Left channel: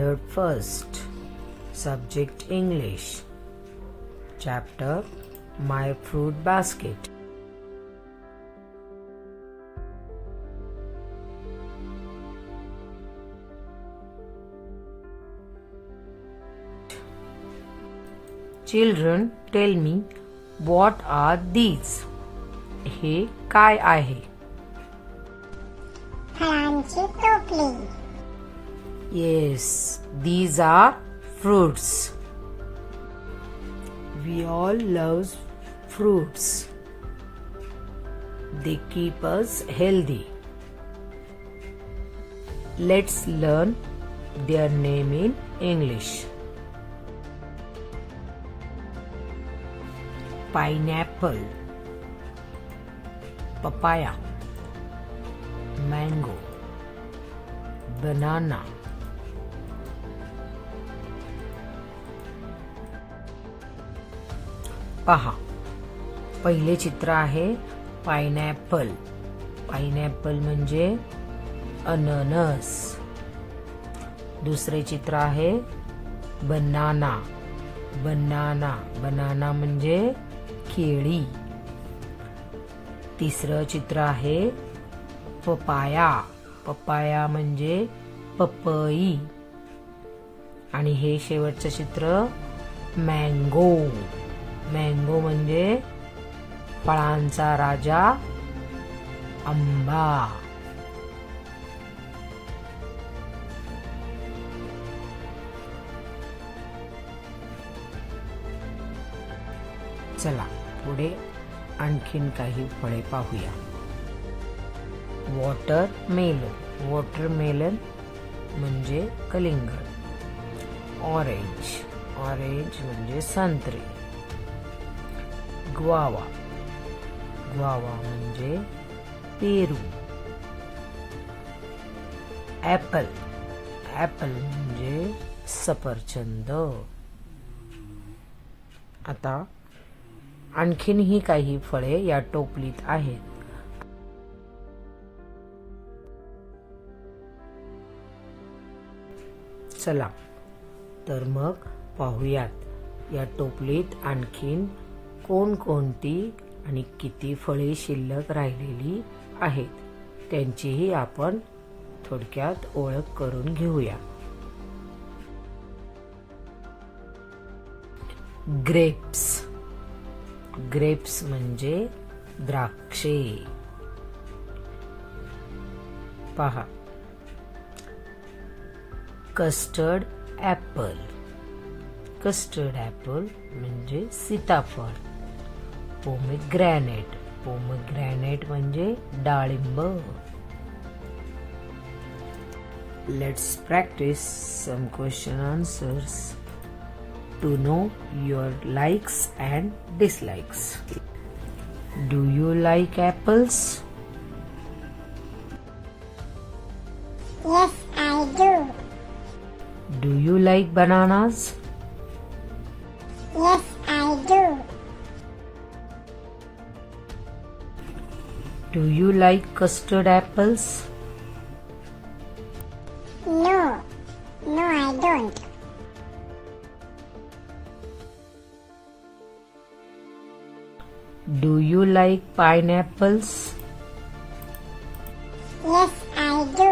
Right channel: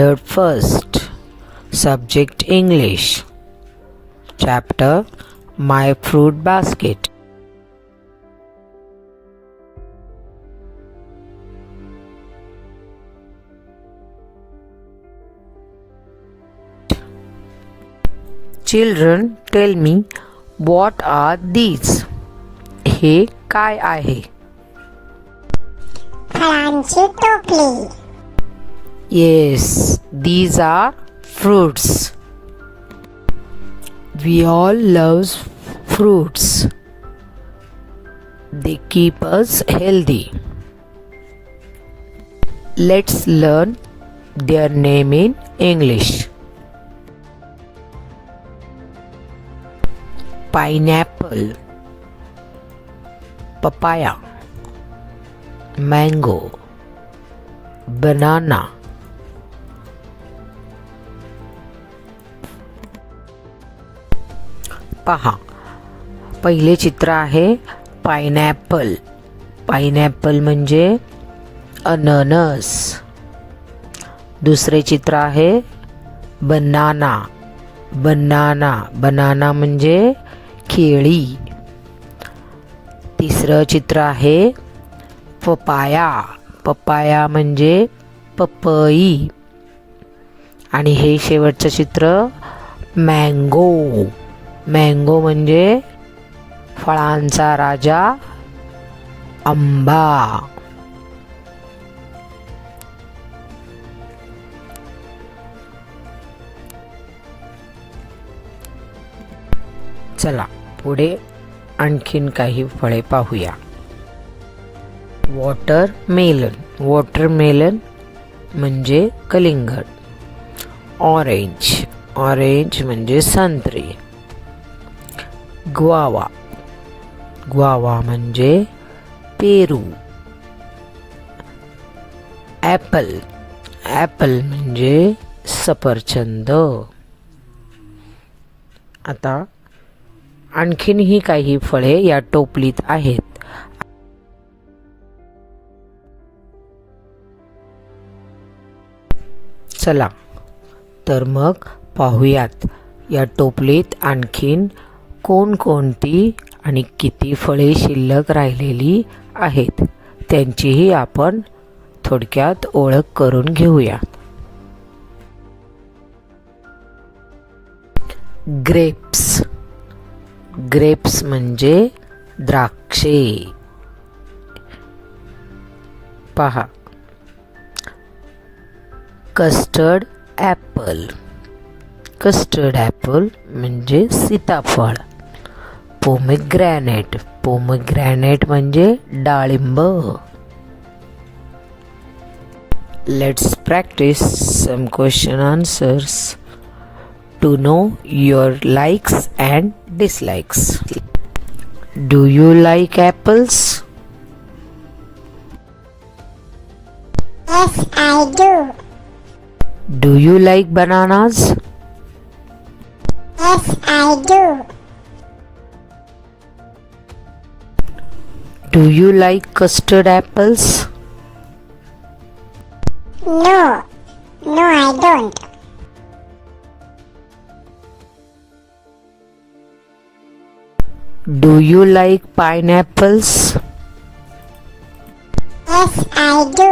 Standard First. Subject English. Chapter My Fruit Basket. Children, tell me, what are these? हे काय आहे? फळांची टोपली. Yes, these are fruits. We all love fruits. They keep us healthy. Let's learn their name in English. Pineapple, papaya, mango, banana. पहा, पहिले चित्र आहे pineapple. Pineapple म्हणजे अननस. दुसरे चित्र आहे बनाना. बनाना बनाना म्हणजे केळी. तिसरं चित्र आहे पपाया. पपाया म्हणजे पपई. आणि हे शेवटचं चित्र मँगो. मँगो म्हणजे फळांचा राजा आंबा. चला पुढे आणखीन काही फळे पाहूया. वॉटरमेलन. वॉटरमेलन म्हणजे कलिंगड. ऑरेंज. ऑरेंज म्हणजे संत्री. ग्वावा. ग्वावा म्हणजे पेरू. ॲपल. ॲपल म्हणजे सफरचंद. आता आणखीनही काही फळे या टोपलीत आहेत. चला तर मग पाहूयात या टोपलीत आणखीन कोणकोणती आणि किती फळे शिल्लक राहिलेली आहेत त्यांचीही आपण थोडक्यात ओळख करून घेऊया. ग्रेप्स. ग्रेप्स म्हणजे द्राक्षे. पहा, कस्टर्ड ॲपल. कस्टर्ड ॲपल म्हणजे सीताफळ. पोमेग्रॅनेट. पोमेग्रॅनेट म्हणजे डाळिंब. Let's practice some question answers to know your likes and dislikes. Do you like apples? Yes, I do. Do you like bananas? Yes, I do. Do you like custard apples? No, no, I don't. Do you like pineapples? Yes, I do.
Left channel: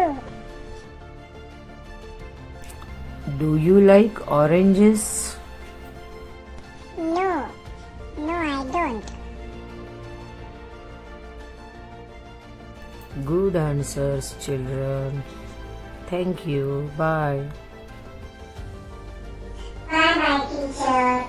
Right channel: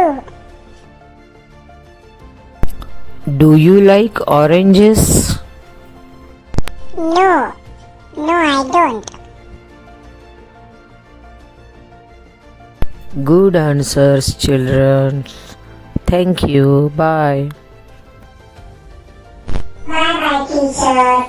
Do you like oranges? No, no, I don't. Good answers, children. Thank you. Bye. Bye bye, teacher.